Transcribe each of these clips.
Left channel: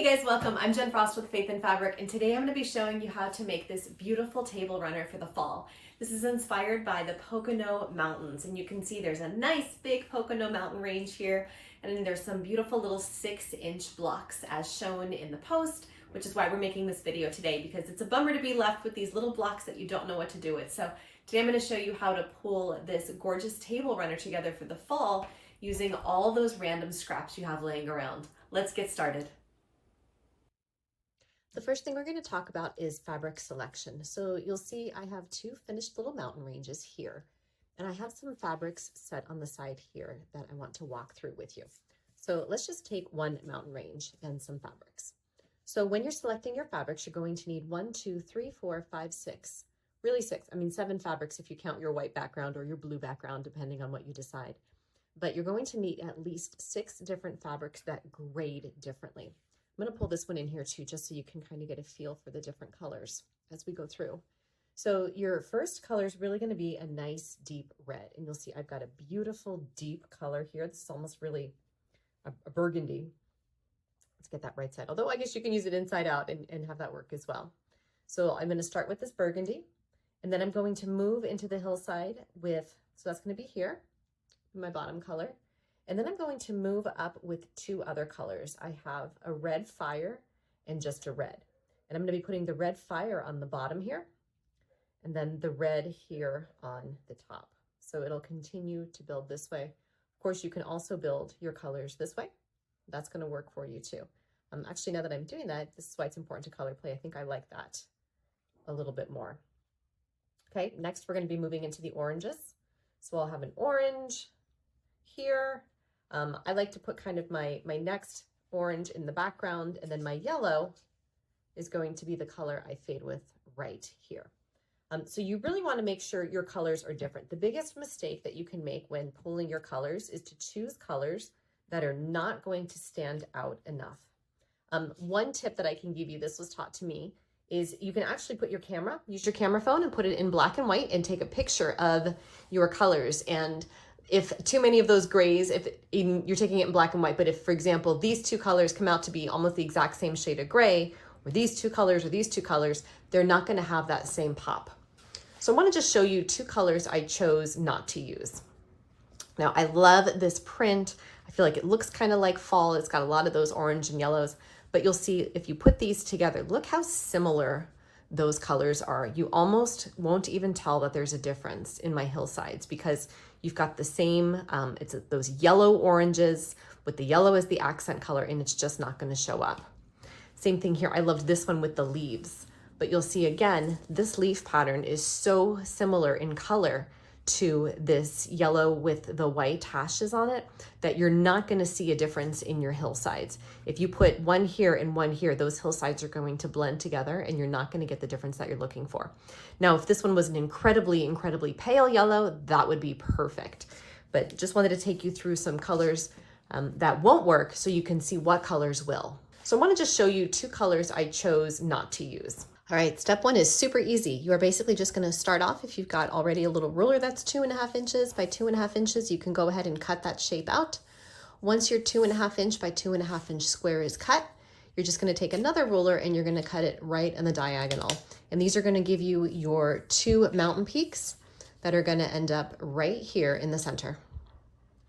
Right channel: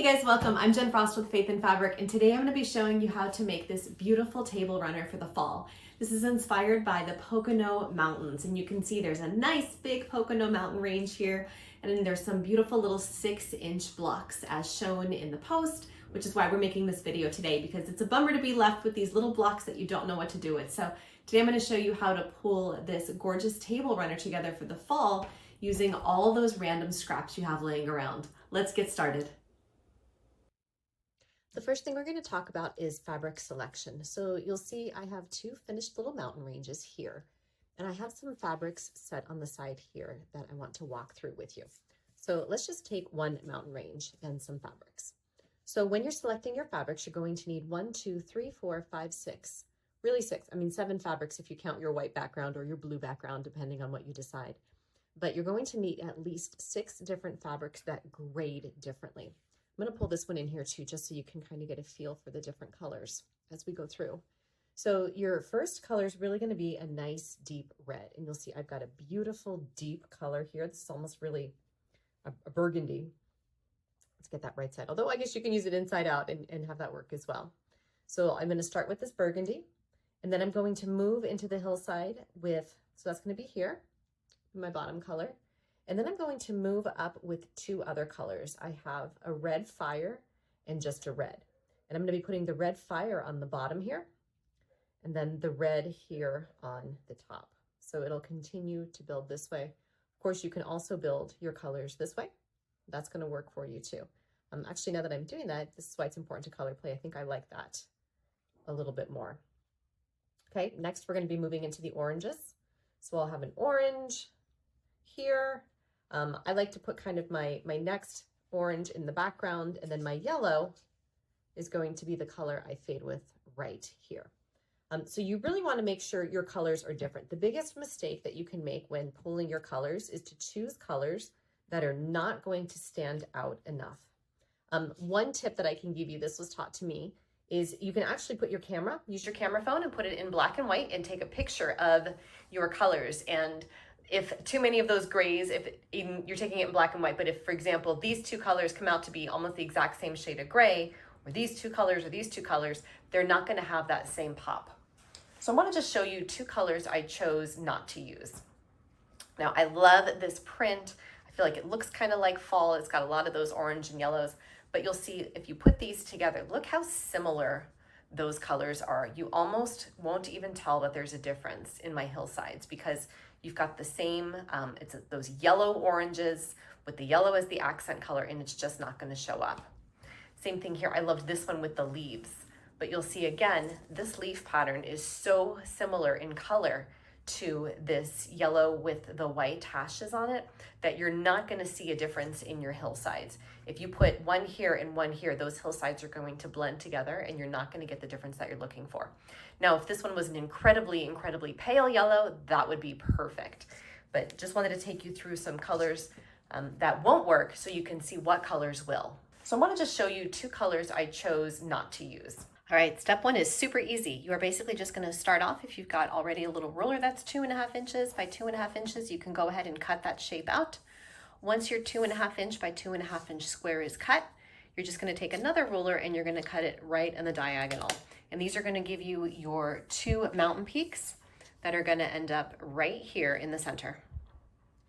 Hey guys, welcome. I'm Jen Frost with Faith in Fabric, and today I'm going to be showing you how to make this beautiful table runner for the fall. This is inspired by the Pocono Mountains, and you can see there's a nice big Pocono mountain range here, and then there's some beautiful little 6-inch blocks as shown in the post, which is why we're making this video today, because it's a bummer to be left with these little blocks that you don't know what to do with. So today I'm going to show you how to pull this gorgeous table runner together for the fall using all those random scraps you have laying around. Let's get started. The first thing we're going to talk about is fabric selection. So you'll see I have two finished little mountain ranges here, and I have some fabrics set on the side here that I want to walk through with you. So let's just take one mountain range and some fabrics. So when you're selecting your fabrics, you're going to need 1, 2, 3, 4, 5, 6, really 6. I mean 7 fabrics if you count your white background or your blue background, depending on what you decide. But you're going to need at least 6 different fabrics that grade differently. I'm going to pull this one in here too, just so you can kind of get a feel for the different colors as we go through. So your first color is really going to be a nice deep red. And you'll see I've got a beautiful deep color here. This is almost really a burgundy. Let's get that right side. Although I guess you can use it inside out and have that work as well. So I'm going to start with this burgundy, and then I'm going to move into the hillside with, so that's going to be here, my bottom color. And then I'm going to move up with 2 other colors. I have a red fire and just a red. And I'm going to be putting the red fire on the bottom here, and then the red here on the top. So it'll continue to build this way. Of course, you can also build your colors this way. That's going to work for you too. Actually, now that I'm doing that, this is why it's important to color play. I think I like that a little bit more. Okay, next we're going to be moving into the oranges. So I'll have an orange here. I like to put kind of my next orange in the background, and then my yellow is going to be the color I fade with right here. So you really want to make sure your colors are different. The biggest mistake that you can make when pulling your colors is to choose colors that are not going to stand out enough. One tip that I can give you, this was taught to me, is you can actually put your camera, use your camera phone and put it in black and white and take a picture of your colors. And if too many of those grays, if you're taking it in black and white, but if, for example, these 2 colors come out to be almost the exact same shade of gray, or these 2 colors or these 2 colors, they're not going to have that same pop. So I want to just show you 2 colors I chose not to use. Now, I love this print. I feel like it looks kind of like fall. It's got a lot of those orange and yellows, but you'll see if you put these together, look how similar those colors are. You almost won't even tell that there's a difference in my hillsides, because you've got the same, it's those yellow oranges with the yellow as the accent color, and it's just not going to show up. Same thing here. I loved this one with the leaves, but you'll see again, this leaf pattern is so similar in color to this yellow with the white hashes on it that you're not going to see a difference in your hillsides. If you put one here and one here, those hillsides are going to blend together and you're not going to get the difference that you're looking for. Now, if this one was an incredibly, incredibly pale yellow, that would be perfect. But just wanted to take you through some colors that won't work so you can see what colors will. So I want to just show you 2 colors I chose not to use. All right, step 1 is super easy. You are basically just going to start off, if you've got already a little ruler that's 2.5 inches by 2.5 inches, you can go ahead and cut that shape out. Once your 2.5 inch by 2.5 inch square is cut, you're just going to take another ruler and you're going to cut it right in the diagonal. And these are going to give you your 2 mountain peaks that are going to end up right here in the center.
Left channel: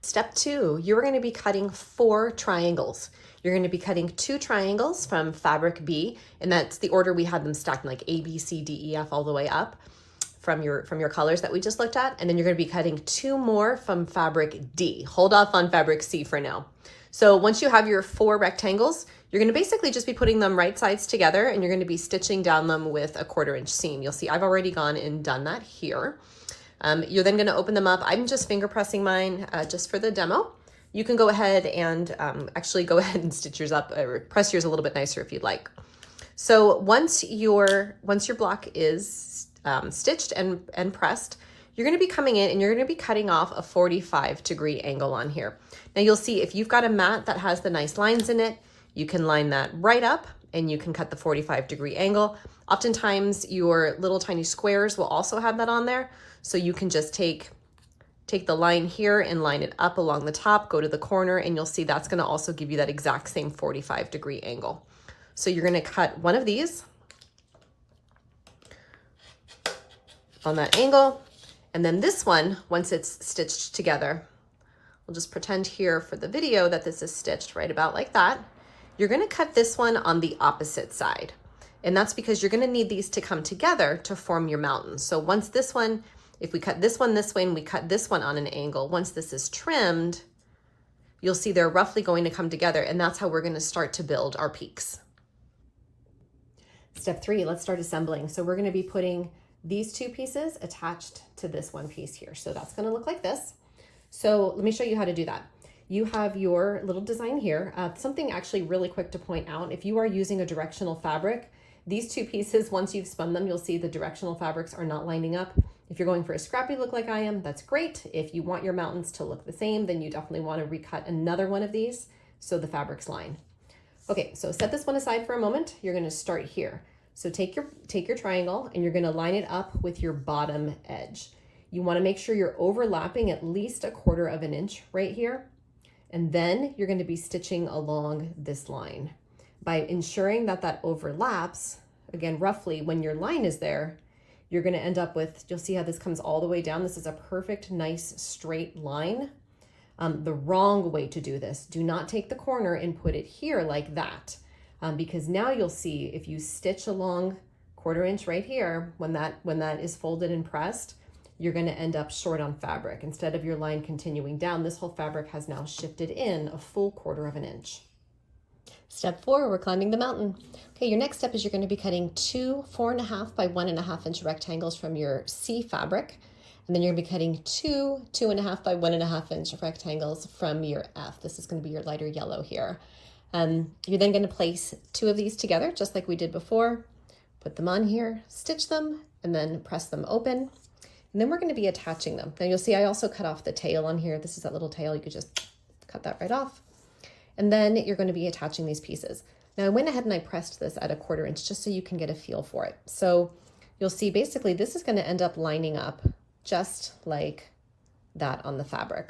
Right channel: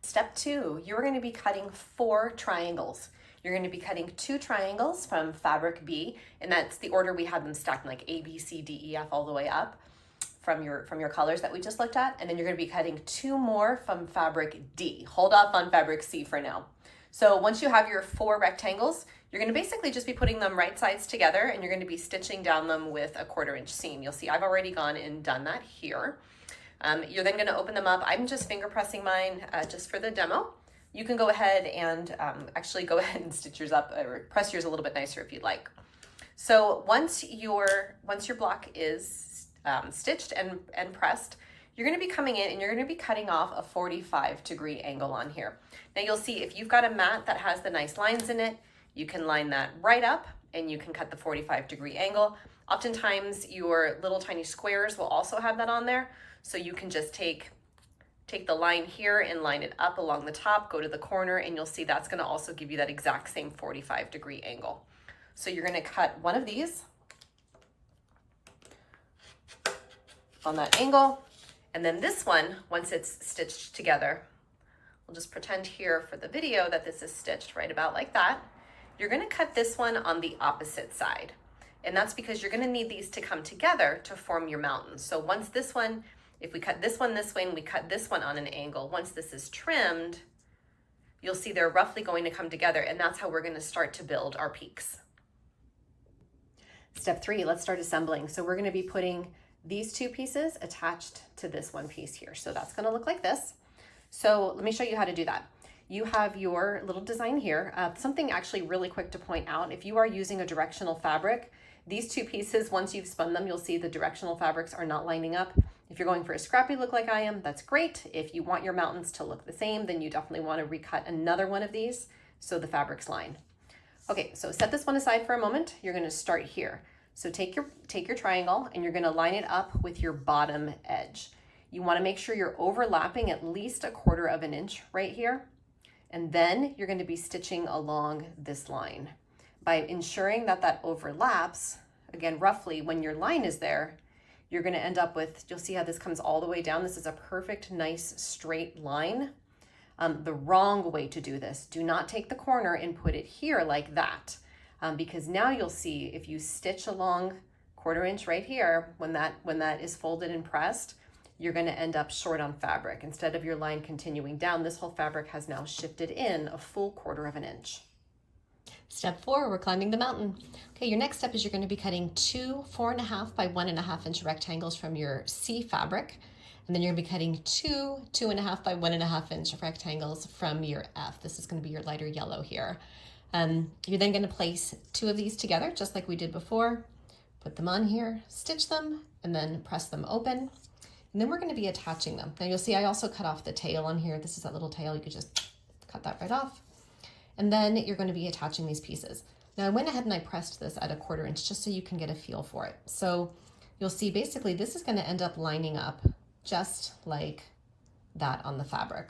Step 2, you're going to be cutting 4 triangles. You're going to be cutting 2 triangles from fabric B, and that's the order we had them stacked, like A, B, C, D, E, F, all the way up from your colors that we just looked at. And then you're going to be cutting 2 more from fabric D. Hold off on fabric C for now. So once you have your 4 rectangles, you're going to basically just be putting them right sides together, and you're going to be stitching down them with a 1/4 inch seam. You'll see I've already gone and done that here. You're then going to open them up. I'm just finger pressing mine just for the demo. You can go ahead and actually go ahead and stitch yours up, or press yours a little bit nicer if you'd like. So once your block is stitched and pressed, you're going to be coming in and you're going to be cutting off a 45-degree angle on here. Now you'll see if you've got a mat that has the nice lines in it, you can line that right up and you can cut the 45-degree angle. Oftentimes your little tiny squares will also have that on there. So you can just take the line here and line it up along the top, go to the corner, and you'll see that's going to also give you that exact same 45-degree angle. So you're going to cut one of these on that angle, and then this one, once it's stitched together, we'll just pretend here for the video that this is stitched right about like that. You're going to cut this one on the opposite side. And that's because you're going to need these to come together to form your mountain. So once this one, if we cut this one this way and we cut this one on an angle, once this is trimmed, you'll see they're roughly going to come together, and that's how we're going to start to build our peaks. Step 3, let's start assembling. So we're going to be putting these two pieces attached to this one piece here. So that's going to look like this. So let me show you how to do that. You have your little design here. Something actually really quick to point out, if you are using a directional fabric, these two pieces, once you've spun them, you'll see the directional fabrics are not lining up. If you're going for a scrappy look like I am, that's great. If you want your mountains to look the same, then you definitely want to recut another one of these so the fabrics line. Okay, so set this one aside for a moment. You're going to start here. So take your triangle and you're going to line it up with your bottom edge. You want to make sure you're overlapping at least 1/4 of an inch right here. And then you're going to be stitching along this line. By ensuring that that overlaps, again, roughly when your line is there, you're going to end up with, you'll see how this comes all the way down. This is a perfect, nice, straight line. The wrong way to do this, do not take the corner and put it here like that, because now you'll see if you stitch along 1/4 inch right here, when that is folded and pressed, you're going to end up short on fabric. Instead of your line continuing down, this whole fabric has now shifted in a full 1/4 of an inch. Step 4, we're climbing the mountain. Okay, your next step is you're going to be cutting 2 4.5 by 1.5 inch rectangles from your C fabric. And then you're going to be cutting 2 2.5 by 1.5 inch rectangles from your F. This is going to be your lighter yellow here. You're then going to place 2 of these together, just like we did before. Put them on here, stitch them, and then press them open. And then we're going to be attaching them. Now you'll see I also cut off the tail on here. This is that little tail. You could just cut that right off. And then you're going to be attaching these pieces. Now I went ahead and I pressed this at 1/4 inch just so you can get a feel for it. So you'll see basically this is going to end up lining up just like that on the fabric.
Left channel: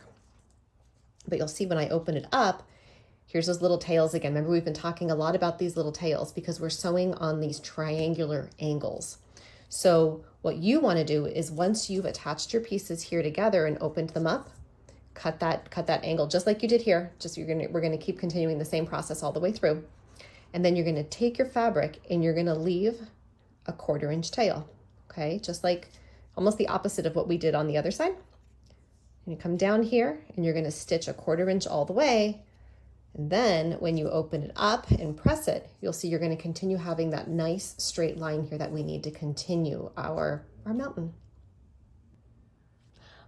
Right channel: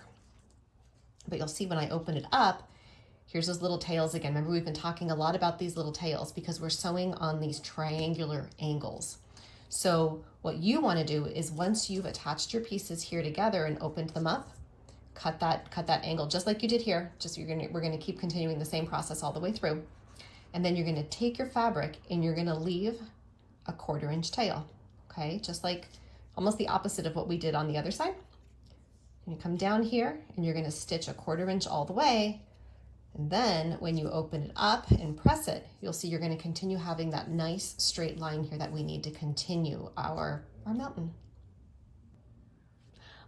But you'll see when I open it up, here's those little tails again. Remember, we've been talking a lot about these little tails because we're sewing on these triangular angles. So what you want to do is once you've attached your pieces here together and opened them up, cut that angle just like you did here. We're going to keep continuing the same process all the way through. And then you're going to take your fabric and you're going to leave a 1/4 inch tail. Okay, just like almost the opposite of what we did on the other side. And you come down here and you're going to stitch a 1/4 inch all the way. And then when you open it up and press it, you'll see you're going to continue having that nice straight line here that we need to continue our mountain.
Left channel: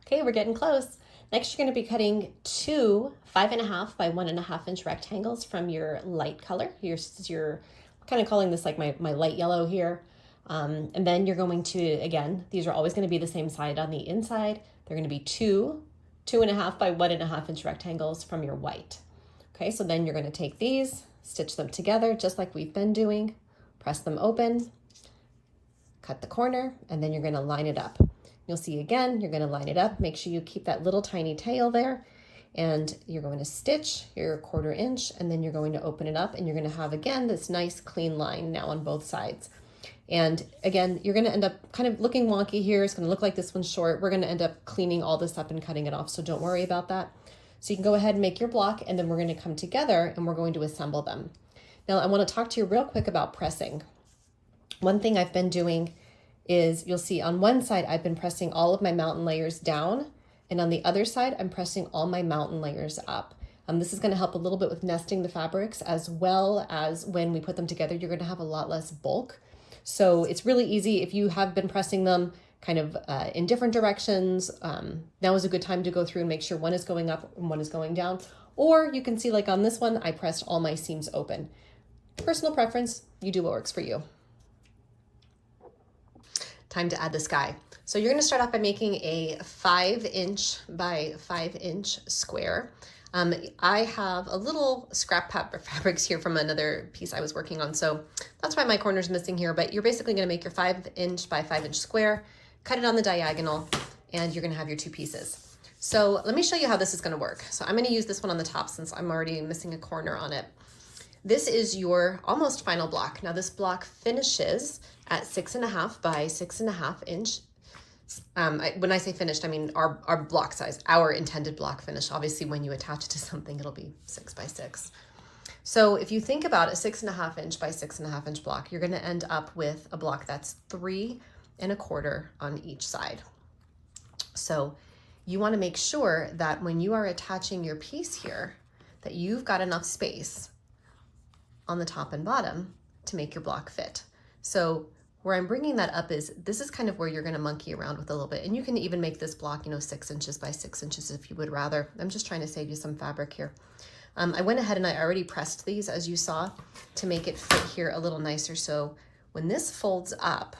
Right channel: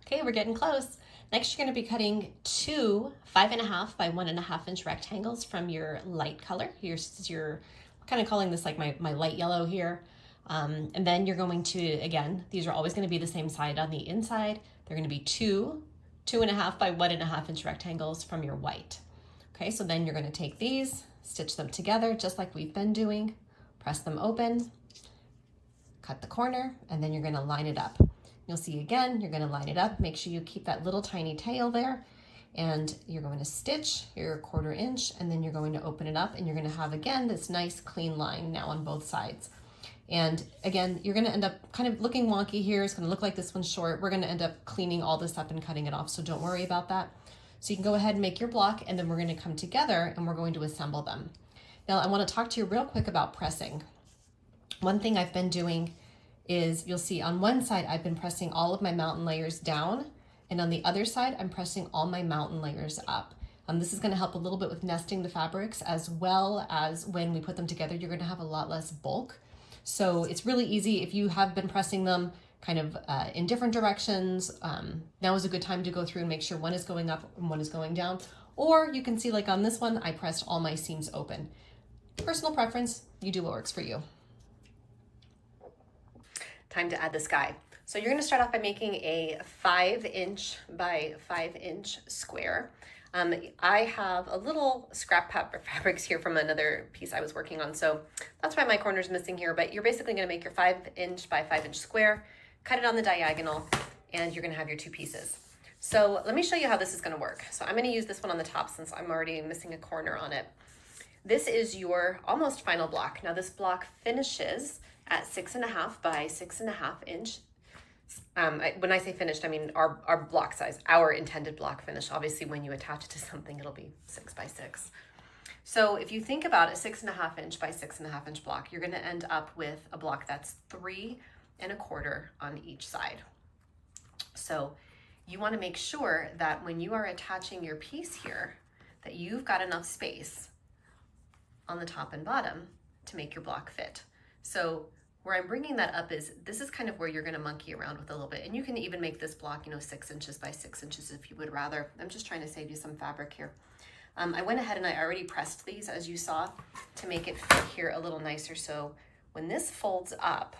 Okay, we're getting close. Next, you're going to be cutting 2 5.5 by 1.5 inch rectangles from your light color. You're kind of calling this like my light yellow here. And then you're going to, again, these are always going to be the same side on the inside. They're going to be 2 2.5 by 1.5 inch rectangles from your white. Okay, so then you're going to take these, stitch them together just like we've been doing, press them open, cut the corner, and then you're going to line it up. You'll see again, you're going to line it up. Make sure you keep that little tiny tail there, and you're going to stitch your 1/4 inch, and then you're going to open it up, and you're going to have, again, this nice clean line now on both sides. And again, you're going to end up kind of looking wonky here. It's going to look like this one's short. We're going to end up cleaning all this up and cutting it off, so don't worry about that. So you can go ahead and make your block, and then we're going to come together and we're going to assemble them. Now I want to talk to you real quick about pressing. One thing I've been doing is, you'll see on one side I've been pressing all of my mountain layers down, and on the other side I'm pressing all my mountain layers up. This is going to help a little bit with nesting the fabrics, as well as when we put them together you're going to have a lot less bulk. So it's really easy if you have been pressing them kind of in different directions. Now is a good time to go through and make sure one is going up and one is going down. Or you can see, like on this one, I pressed all my seams open. Personal preference, you do what works for you. Time to add the sky. So you're going to start off by making a 5 inch by 5 inch square. I have a little scrap fabrics here from another piece I was working on, so that's why my corner's missing here, but you're basically going to make your 5 inch by 5 inch square, cut it on the diagonal, and you're going to have your 2 pieces. So let me show you how this is going to work. So I'm going to use this one on the top since I'm already missing a corner on it. this is your almost final block. Now this block finishes at 6.5 by 6.5 inch. When I say finished, I mean our block size, our intended block finish. Obviously when you attach it to something, it'll be 6 by 6. So if you think about a 6.5 inch by 6.5 inch block, you're gonna end up with a block that's 3.25 on each side. So you wanna make sure that when you are attaching your piece here, that you've got enough space on the top and bottom to make your block fit. So where I'm bringing that up is, this is kind of where you're gonna monkey around with a little bit. And you can even make this block, 6 inches by 6 inches if you would rather. I'm just trying to save you some fabric here. I went ahead and I already pressed these, as you saw, to make it fit here a little nicer. So when this folds up,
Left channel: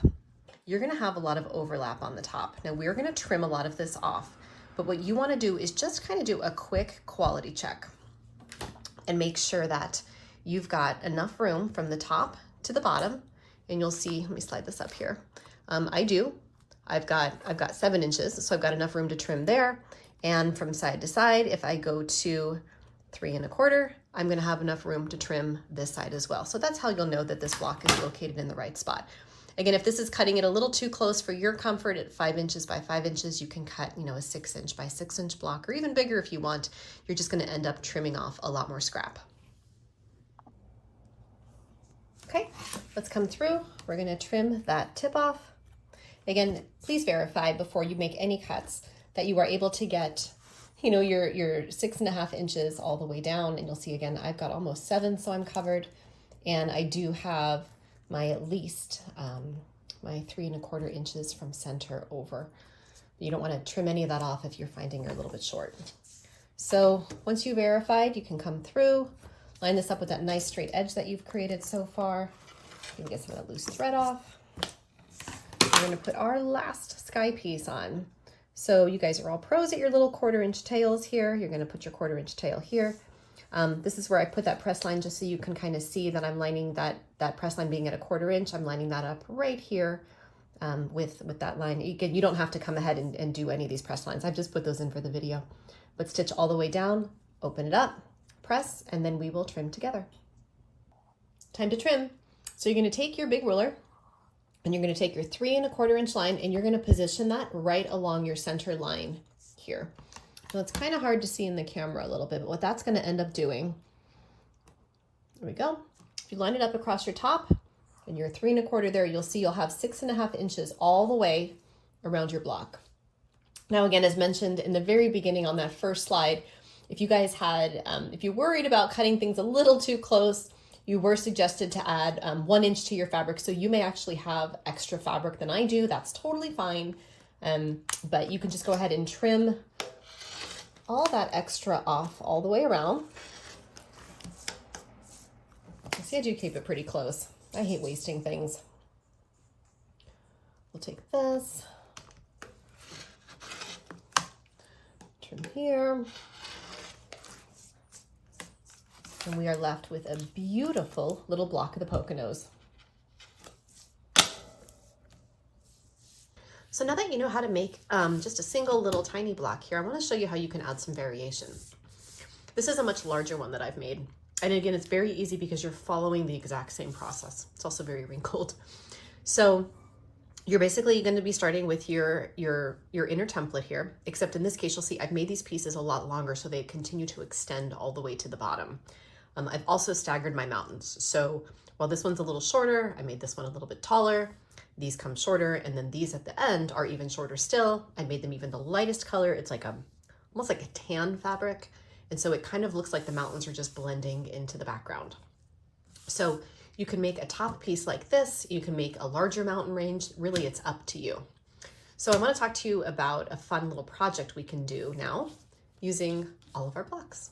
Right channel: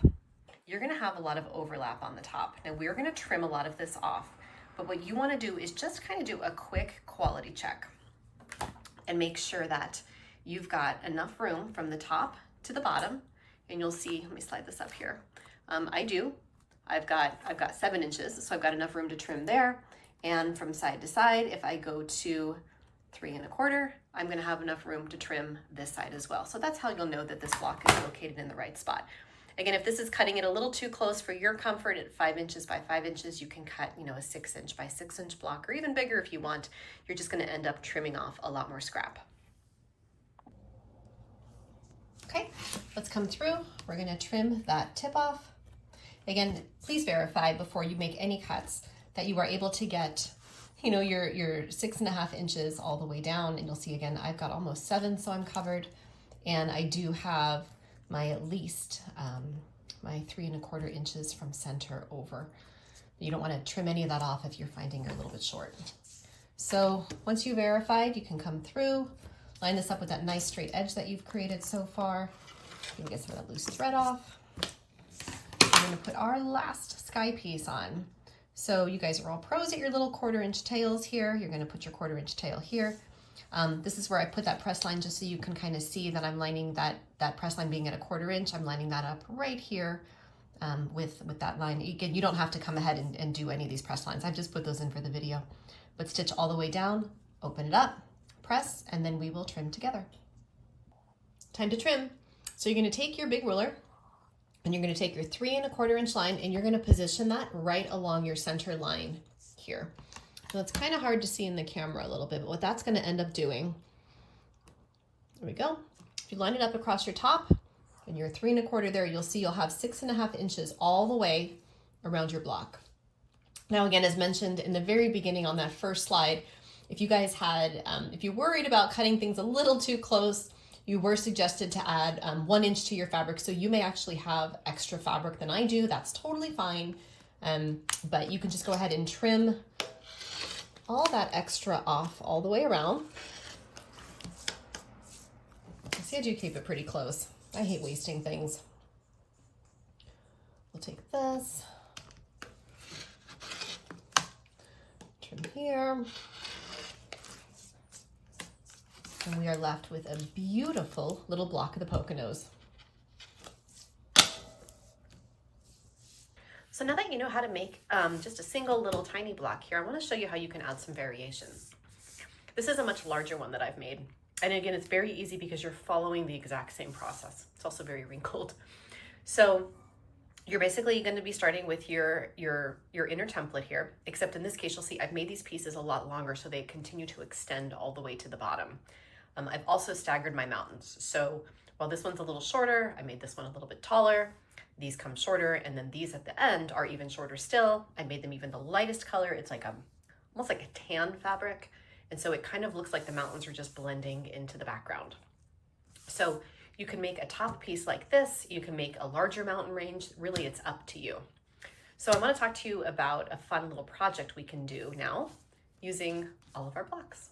you're gonna have a lot of overlap on the top. Now we're gonna trim a lot of this off, but what you wanna do is just kind of do a quick quality check and make sure that you've got enough room from the top to the bottom. And you'll see, let me slide this up here. I've got 7 inches, so I've got enough room to trim there. And from side to side, if I go to 3.25, I'm gonna have enough room to trim this side as well. So that's how you'll know that this block is located in the right spot. Again, if this is cutting it a little too close for your comfort at 5 inches by 5 inches, you can cut, a 6 inch by 6 inch block, or even bigger if you want. You're just gonna end up trimming off a lot more scrap. Okay, let's come through. We're gonna trim that tip off. Again, please verify before you make any cuts that you are able to get, your 6.5 inches all the way down. And you'll see again, I've got almost 7, so I'm covered. And I do have my at least my 3.25 inches from center over. You don't wanna trim any of that off if you're finding you're a little bit short. So once you verified, you can come through, line this up with that nice straight edge that you've created so far. You can get some of that loose thread off. We're gonna put our last sky piece on. So you guys are all pros at your little 1/4 inch tails here. You're gonna put your 1/4 inch tail here. This is where I put that press line just so you can kind of see that I'm lining that press line being at a 1/4 inch. I'm lining that up right here with that line. You don't have to come ahead and do any of these press lines. I've just put those in for the video. But stitch all the way down, open it up, press, and then we will trim together. Time to trim. So you're gonna take your big ruler and you're gonna take your 3.25 inch line and you're gonna position that right along your center line here. Now it's kind of hard to see in the camera a little bit, but what that's gonna end up doing, there we go. If you line it up across your top and your 3.25 there, you'll see you'll have 6.5 inches all the way around your block. Now again, as mentioned in the very beginning on that first slide, if you guys had, if you're worried about cutting things a little too close, you were suggested to add 1 inch to your fabric. So you may actually have extra fabric than I do. That's totally fine. But you can just go ahead and trim all that extra off all the way around. See, I do keep it pretty close. I hate wasting things. We'll take this, trim here. And we are left with a beautiful little block of the Poconos. So now that you know how to make just a single little tiny block here, I want to show you how you can add some variation. This is a much larger one that I've made. And again, it's very easy because you're following the exact same process. It's also very wrinkled. So you're basically going to be starting with your inner template here, except in this case, you'll see I've made these pieces a lot longer so they continue to extend all the way to the bottom. I've also staggered my mountains. So while this one's a little shorter, I made this one a little bit taller. These come shorter, and then these at the end are even shorter still. I made them even the lightest color. It's like almost like a tan fabric. And so it kind of looks like the mountains are just blending into the background. So you can make a top piece like this. You can make a larger mountain range. Really, it's up to you. So I want to talk to you about a fun little project we can do now using all of our blocks.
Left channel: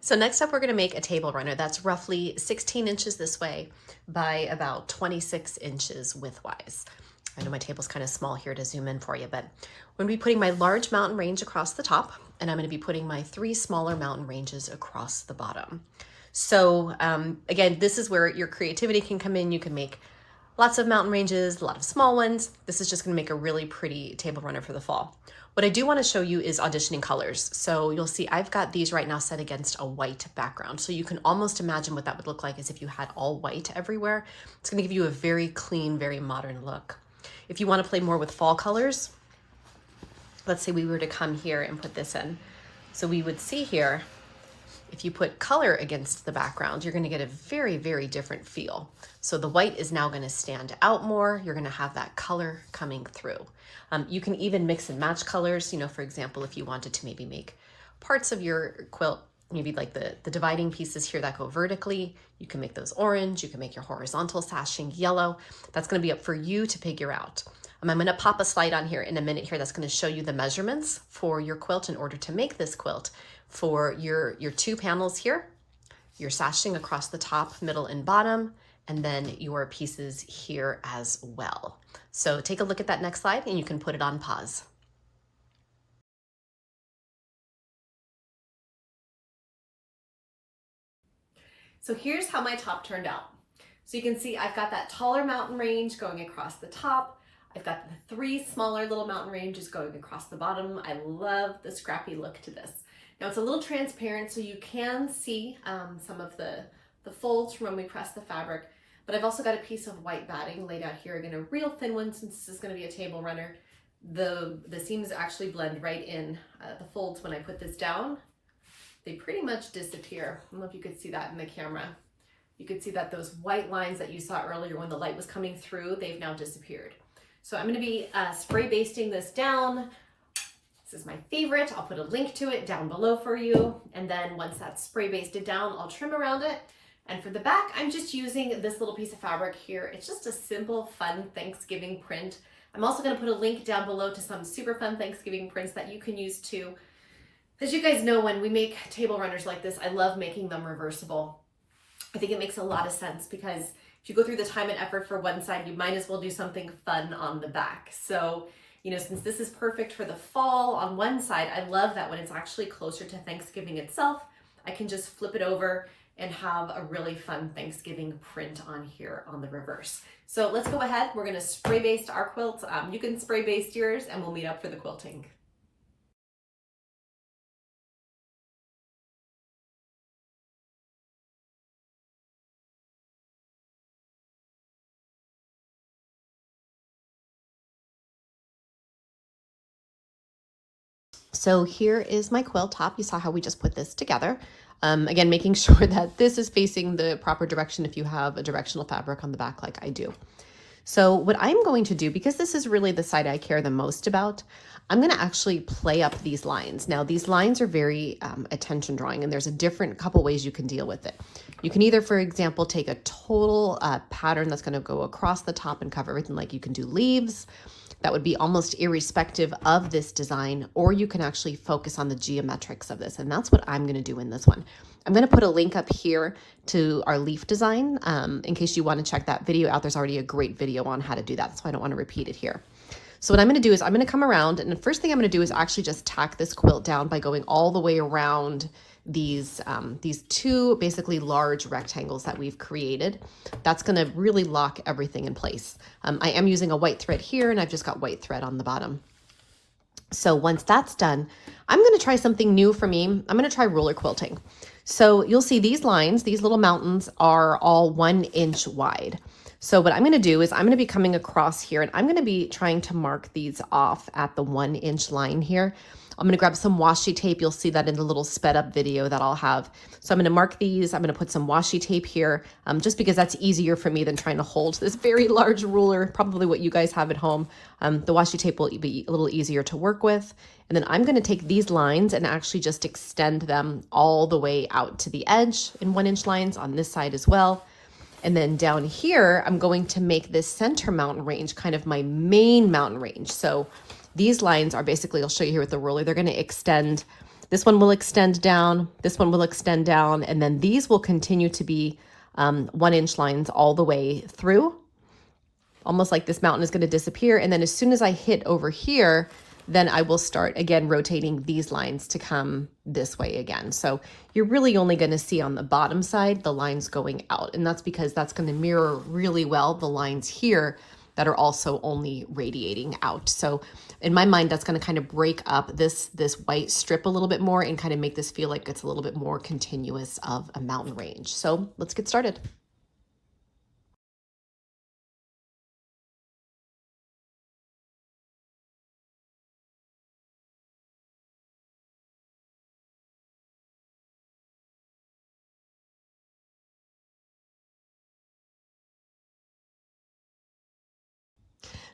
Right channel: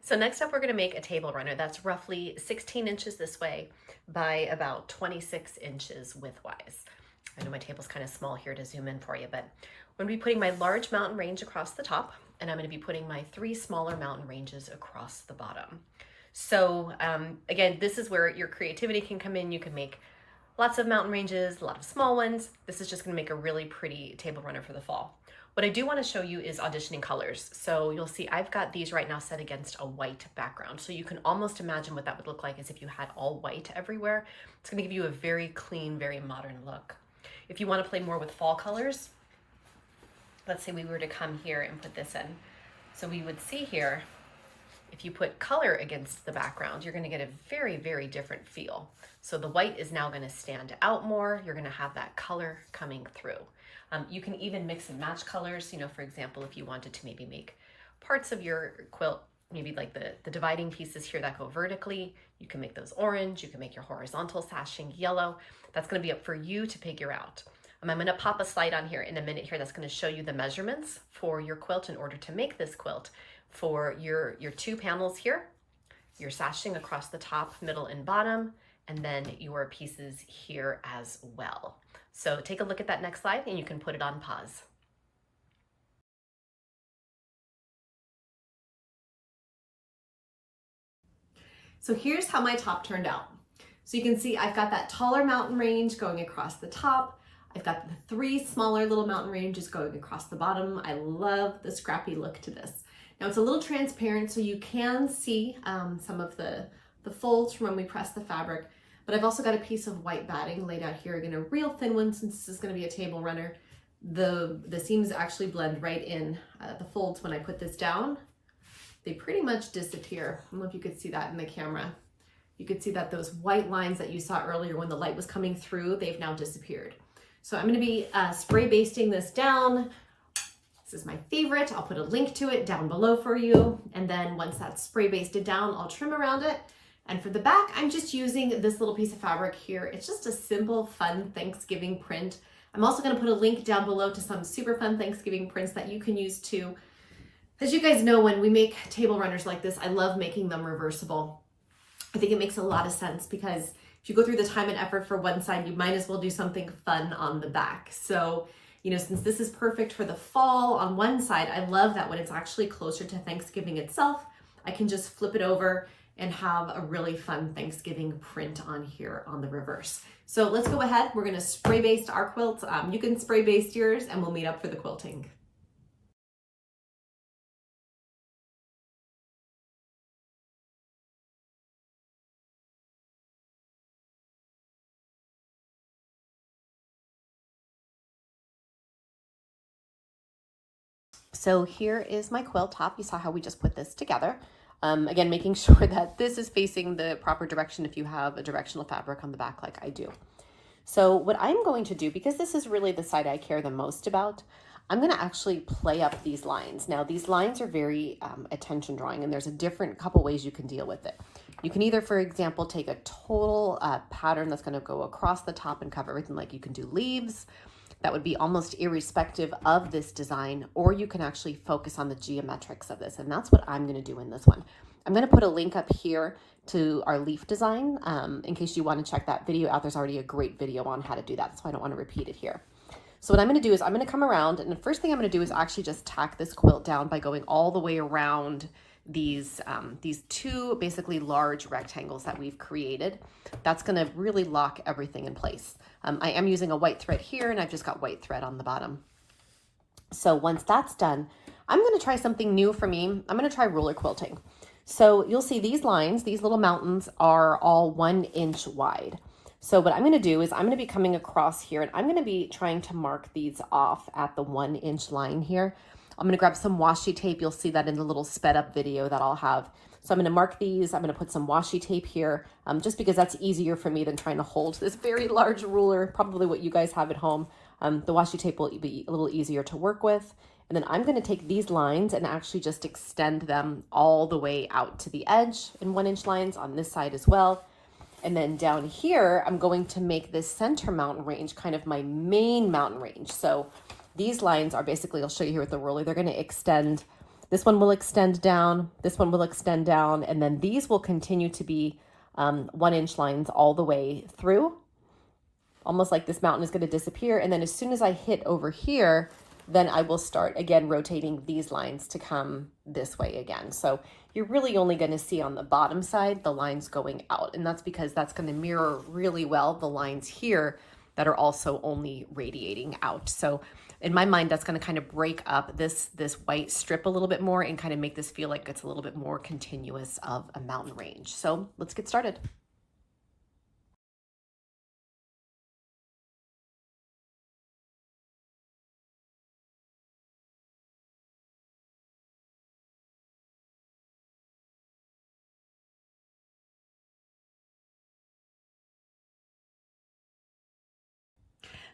So next up, we're going to make a table runner that's roughly 16 inches this way by about 26 inches widthwise. I know my table's kind of small here to zoom in for you, but I'm going to be putting my large mountain range across the top, and I'm going to be putting my 3 smaller mountain ranges across the bottom. So again, this is where your creativity can come in. You can make lots of mountain ranges, a lot of small ones. This is just going to make a really pretty table runner for the fall. What I do want to show you is auditioning colors. So you'll see I've got these right now set against a white background. So you can almost imagine what that would look like as if you had all white everywhere. It's going to give you a very clean, very modern look. If you want to play more with fall colors, let's say we were to come here and put this in. So we would see here, if you put color against the background, you're going to get a very, very different feel. So the white is now going to stand out more. You're going to have that color coming through. You can even mix and match colors. You know, for example, if you wanted to maybe make parts of your quilt, maybe like the dividing pieces here that go vertically, you can make those orange, you can make your horizontal sashing yellow. That's going to be up for you to figure out. I'm going to pop a slide on here in a minute here that's going to show you the measurements for your quilt in order to make this quilt for your 2 panels here, your sashing across the top, middle, and bottom, and then your pieces here as well. So take a look at that next slide and you can put it on pause. So here's how my top turned out. So you can see I've got that taller mountain range going across the top. I've got the 3 smaller little mountain ranges going across the bottom. I love the scrappy look to this. Now it's a little transparent, so you can see some of the folds from when we press the fabric, but I've also got a piece of white batting laid out here. Again, a real thin one since this is going to be a table runner. The seams actually blend right in. The folds, when I put this down, they pretty much disappear. I don't know if you could see that in the camera. You could see that those white lines that you saw earlier when the light was coming through, they've now disappeared. So I'm going to be spray basting this down. This is my favorite. I'll put a link to it down below for you. And then once that's spray basted down, I'll trim around it. And for the back, I'm just using this little piece of fabric here. It's just a simple, fun Thanksgiving print. I'm also going to put a link down below to some super fun Thanksgiving prints that you can use too. As you guys know, when we make table runners like this, I love making them reversible. I think it makes a lot of sense because if you go through the time and effort for one side, you might as well do something fun on the back. So, you know, since this is perfect for the fall on one side, I love that when it's actually closer to Thanksgiving itself, I can just flip it over and have a really fun Thanksgiving print on here on the reverse. So let's go ahead. We're gonna spray baste our quilts. You can spray baste yours and we'll meet up for the quilting. So here is my quilt top. You saw how we just put this together. Again, making sure that this is facing the proper direction if you have a directional fabric on the back like I do. So what I'm going to do, because this is really the side I care the most about, I'm going to actually play up these lines. Now these lines are very attention drawing, and there's a couple ways you can deal with it. You can either, for example, take a total pattern that's going to go across the top and cover everything, like you can do leaves. That would be almost irrespective of this design, or you can actually focus on the geometrics of this, and that's what I'm going to do in this one. I'm going to put a link up here to our leaf design in case you want to check that video out. There's already a great video on how to do that, so I don't want to repeat it here. So what I'm going to do is I'm going to come around, and the first thing I'm going to do is actually just tack this quilt down by going all the way around these 2 basically large rectangles that we've created. That's going to really lock everything in place. I am using a white thread here, and I've just got white thread on the bottom. So once that's done, I'm going to try something new for me. I'm going to try roller quilting. So you'll see these lines, these little mountains are all 1 inch wide. So what I'm going to do is I'm going to be coming across here, and I'm going to be trying to mark these off at the 1 inch line here. I'm going to grab some washi tape. You'll see that in the little sped up video that I'll have. So I'm going to mark these. I'm going to put some washi tape here just because that's easier for me than trying to hold this very large ruler, probably what you guys have at home. The washi tape will be a little easier to work with. And then I'm going to take these lines and actually just extend them all the way out to the edge in 1 inch lines on this side as well. And then down here, I'm going to make this center mountain range kind of my main mountain range. So these lines are basically, I'll show you here with the ruler, they're going to extend. This one will extend down, this one will extend down, and then these will continue to be 1 inch lines all the way through. Almost like this mountain is going to disappear. And then as soon as I hit over here, then I will start again rotating these lines to come this way again. So you're really only going to see on the bottom side the lines going out, and that's because that's going to mirror really well the lines here that are also only radiating out. So in my mind, that's going to kind of break up this white strip a little bit more and kind of make this feel like it's a little bit more continuous of a mountain range. So let's get started.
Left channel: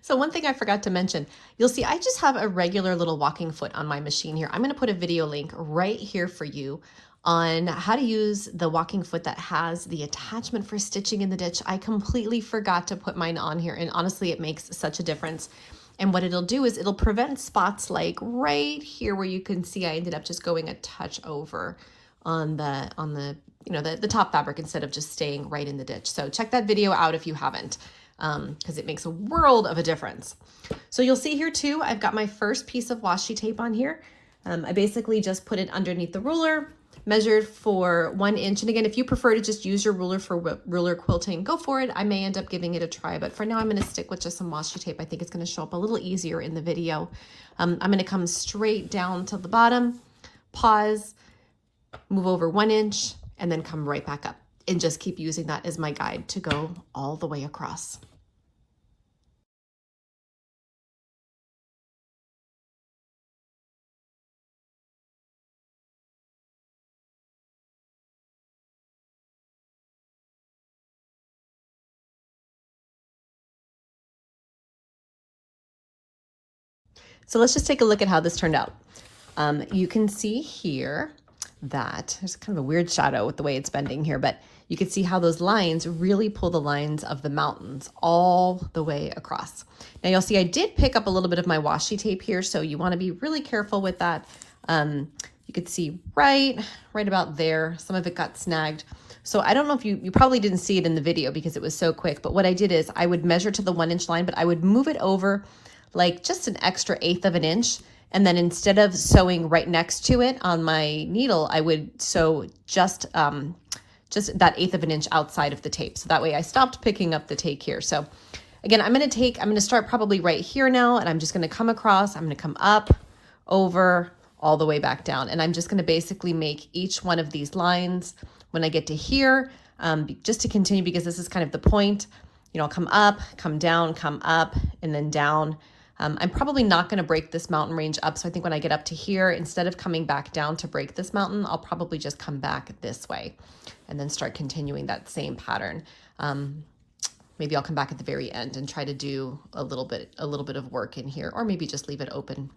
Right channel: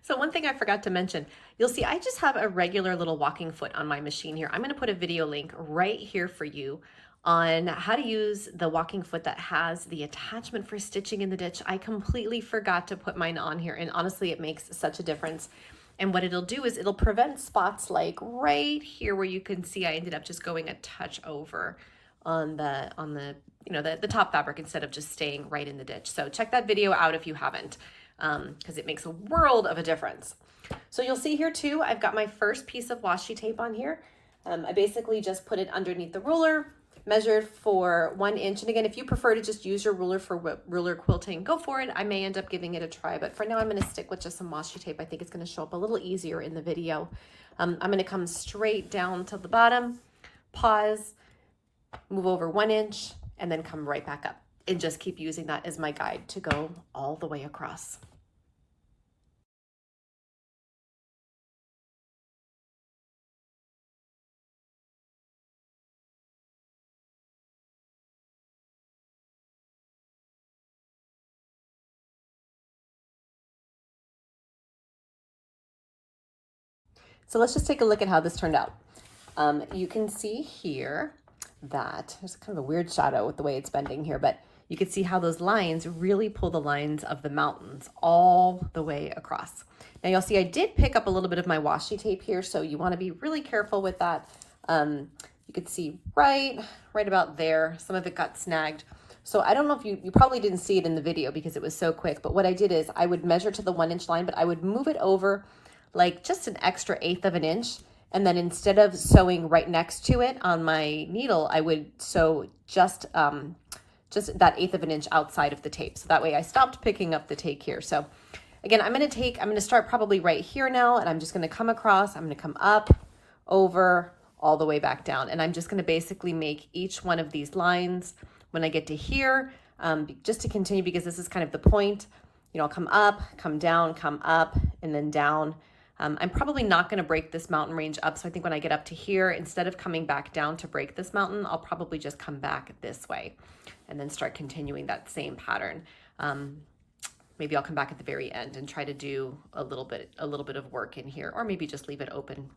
So one thing I forgot to mention, you'll see I just have a regular little walking foot on my machine here. I'm going to put a video link right here for you on how to use the walking foot that has the attachment for stitching in the ditch. I completely forgot to put mine on here, and honestly, it makes such a difference. And what it'll do is it'll prevent spots like right here where you can see I ended up just going a touch over on the the top fabric instead of just staying right in the ditch. So check that video out if you haven't, because it makes a world of a difference. So you'll see here too, I've got my first piece of washi tape on here. I basically just put it underneath the ruler, measured for 1 inch. And again, if you prefer to just use your ruler for ruler quilting, go for it. I may end up giving it a try, but for now I'm gonna stick with just some washi tape. I think it's gonna show up a little easier in the video. I'm gonna come straight down to the bottom, pause, move over 1 inch, and then come right back up and just keep using that as my guide to go all the way across. So let's just take a look at how this turned out. You can see here that there's kind of a weird shadow with the way it's bending here, but you can see how those lines really pull the lines of the mountains all the way across. Now you'll see I did pick up a little bit of my washi tape here, so you want to be really careful with that. You could see right about there, some of it got snagged. So I don't know if you probably didn't see it in the video because it was so quick, but what I did is I would measure to the 1 inch line, but I would move it over like just an extra 1/8 of an inch. And then instead of sewing right next to it on my needle, I would sew just that 1/8 of an inch outside of the tape. So that way I stopped picking up the tape here. So again, I'm going to start probably right here now, and I'm just going to come across, I'm going to come up, over, all the way back down. And I'm just going to basically make each one of these lines when I get to here, just to continue, because this is kind of the point. I'll come up, come down, come up, and then down. I'm probably not going to break this mountain range up, so I think when I get up to here, instead of coming back down to break this mountain, I'll probably just come back this way and then start continuing that same pattern. Maybe I'll come back at the very end and try to do a little bit of work in here, or maybe just leave it open.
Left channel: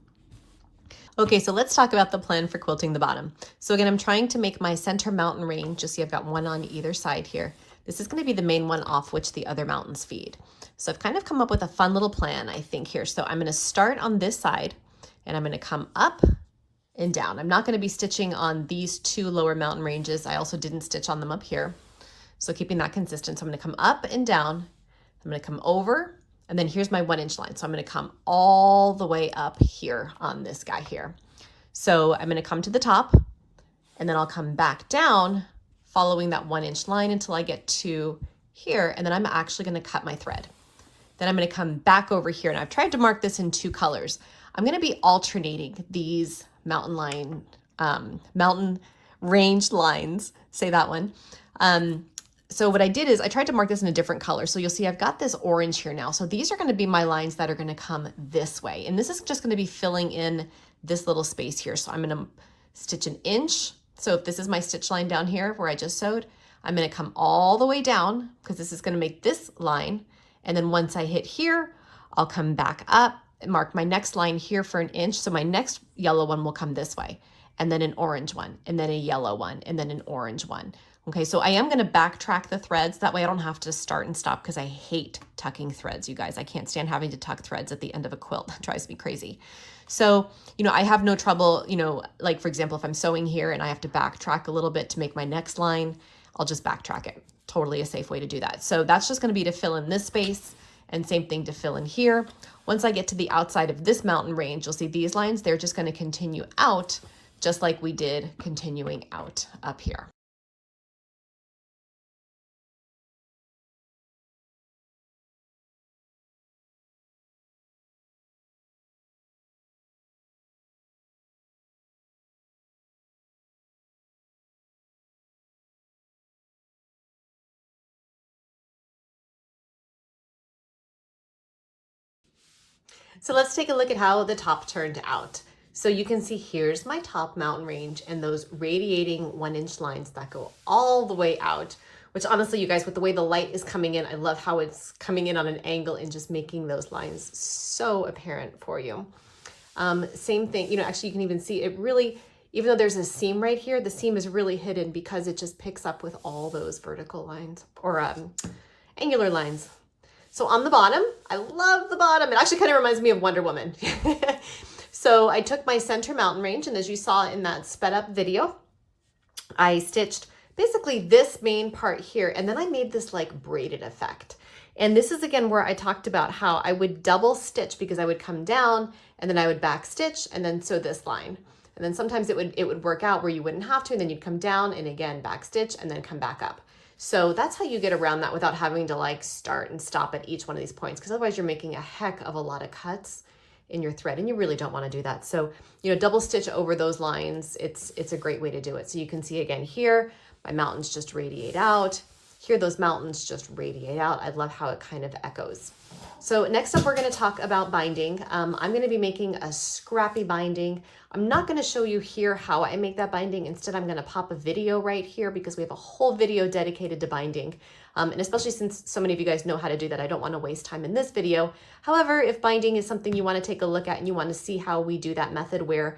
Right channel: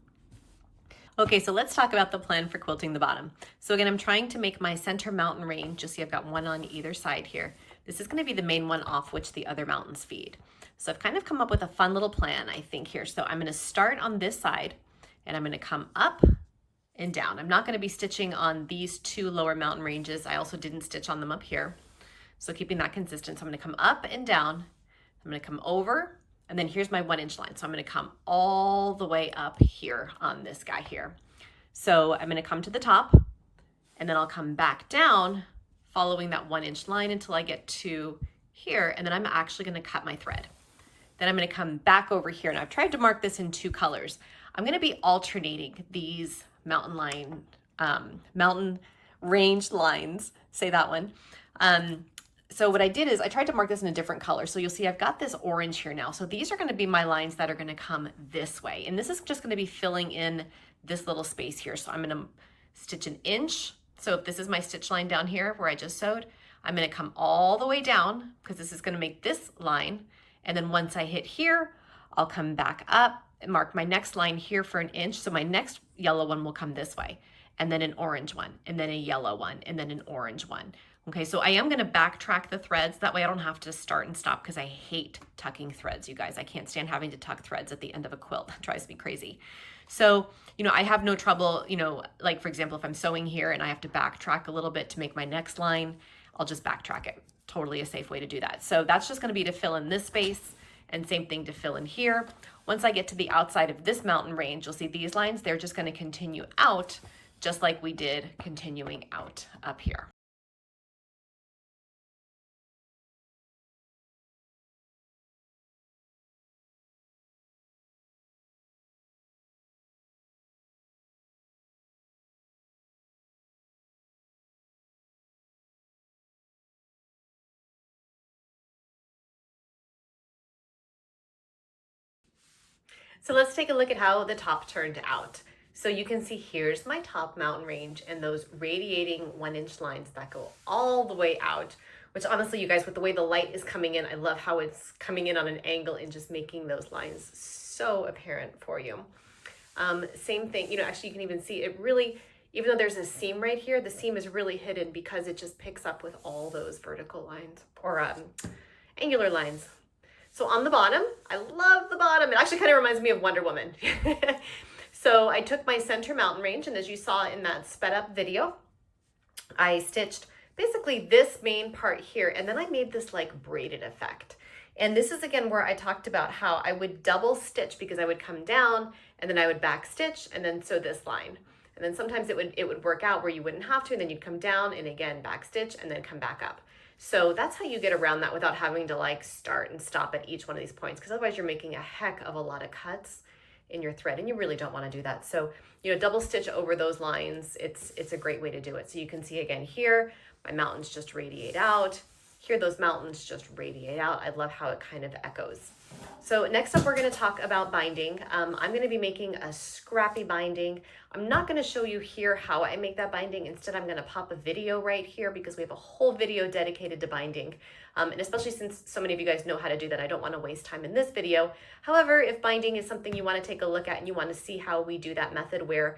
Okay, so let's talk about the plan for quilting the bottom. So again, I'm trying to make my center mountain range. Just see I've got one on either side here. This is going to be the main one off which the other mountains feed. So I've kind of come up with a fun little plan, I think, here. So I'm going to start on this side, and I'm going to come up and down. I'm not going to be stitching on these two lower mountain ranges. I also didn't stitch on them up here. So keeping that consistent. So I'm going to come up and down. I'm going to come over, and then here's my 1 inch line. So I'm going to come all the way up here on this guy here. So I'm going to come to the top, and then I'll come back down following that 1 inch line until I get to here, and then I'm actually going to cut my thread. Then I'm going to come back over here, and I've tried to mark this in 2 colors. I'm going to be alternating these mountain range lines, say that one. So what I did is I tried to mark this in a different color. So you'll see I've got this orange here now. So these are going to be my lines that are going to come this way. And this is just going to be filling in this little space here. So I'm going to stitch 1 inch. So if this is my stitch line down here where I just sewed, I'm going to come all the way down because this is going to make this line. And then once I hit here, I'll come back up and mark my next line here for 1 inch. So my next yellow one will come this way, and then an orange one, and then a yellow one, and then an orange one. Okay, so I am going to backtrack the threads. That way I don't have to start and stop, because I hate tucking threads, you guys. I can't stand having to tuck threads at the end of a quilt. It drives me crazy. So, I have no trouble, like for example, if I'm sewing here and I have to backtrack a little bit to make my next line, I'll just backtrack it. Totally a safe way to do that. So that's just going to be to fill in this space, and same thing to fill in here. Once I get to the outside of this mountain range, you'll see these lines, they're just going to continue out just like we did continuing out up here. So let's take a look at how the top turned out. So you can see here's my top mountain range and those radiating 1-inch lines that go all the way out, which honestly, you guys, with the way the light is coming in, I love how it's coming in on an angle and just making those lines so apparent for you. Same thing, you know, actually you can even see it really, even though there's a seam right here, the seam is really hidden because it just picks up with all those vertical lines or angular lines. So on the bottom, I love the bottom. It actually kind of reminds me of Wonder Woman. So I took my center mountain range, and as you saw in that sped up video, I stitched basically this main part here, and then I made this like braided effect. And this is again where I talked about how I would double stitch because I would come down and then I would back stitch and then sew this line. And then sometimes it would work out where you wouldn't have to, and then you'd come down and again back stitch and then come back up. So that's how you get around that without having to like start and stop at each one of these points, because otherwise you're making a heck of a lot of cuts in your thread and you really don't want to do that. So, you know, double stitch over those lines, it's a great way to do it. So you can see again here, my mountains just radiate out. Here, those mountains just radiate out. I love how it kind of echoes. So next up, we're going to talk about binding. I'm going to be making a scrappy binding. I'm not going to show you here how I make that binding. Instead, I'm going to pop a video right here because we have a whole video dedicated to binding. And especially since so many of you guys know how to do that, I don't want to waste time in this video. However, if binding is something you want to take a look at and you want to see how we do that method where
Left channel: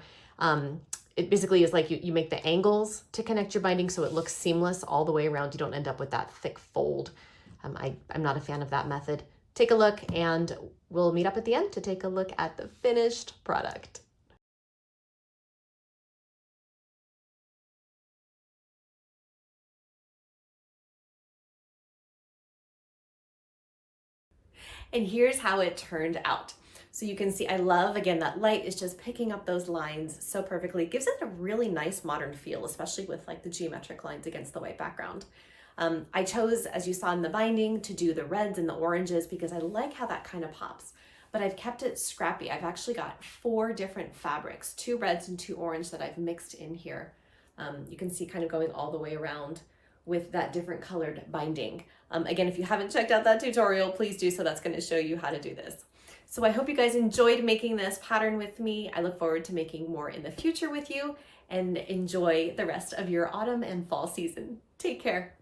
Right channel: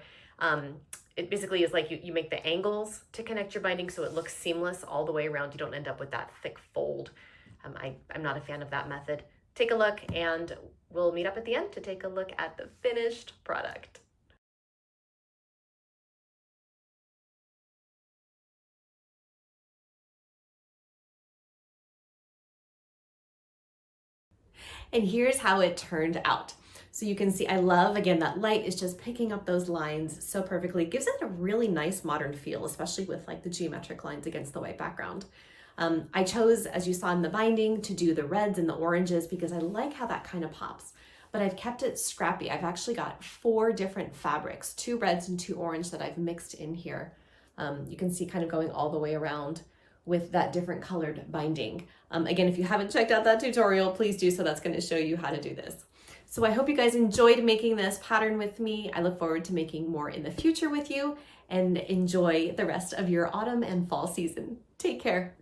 it basically is like you make the angles to connect your binding so it looks seamless all the way around. You don't end up with that thick fold. I'm not a fan of that method. Take a look and we'll meet up at the end to take a look at the finished product. And here's how it turned out. So you can see, I love, again, that light is just picking up those lines so perfectly. It gives it a really nice modern feel, especially with like the geometric lines against the white background. I chose, as you saw in the binding, to do the reds and the oranges because I like how that kind of pops. But I've kept it scrappy. I've actually got 4 different fabrics, 2 reds and 2 orange that I've mixed in here. You can see kind of going all the way around with that different colored binding. Again, if you haven't checked out that tutorial, please do so. That's going to show you how to do this. So I hope you guys enjoyed making this pattern with me. I look forward to making more in the future with you, and enjoy the rest of your autumn and fall season. Take care.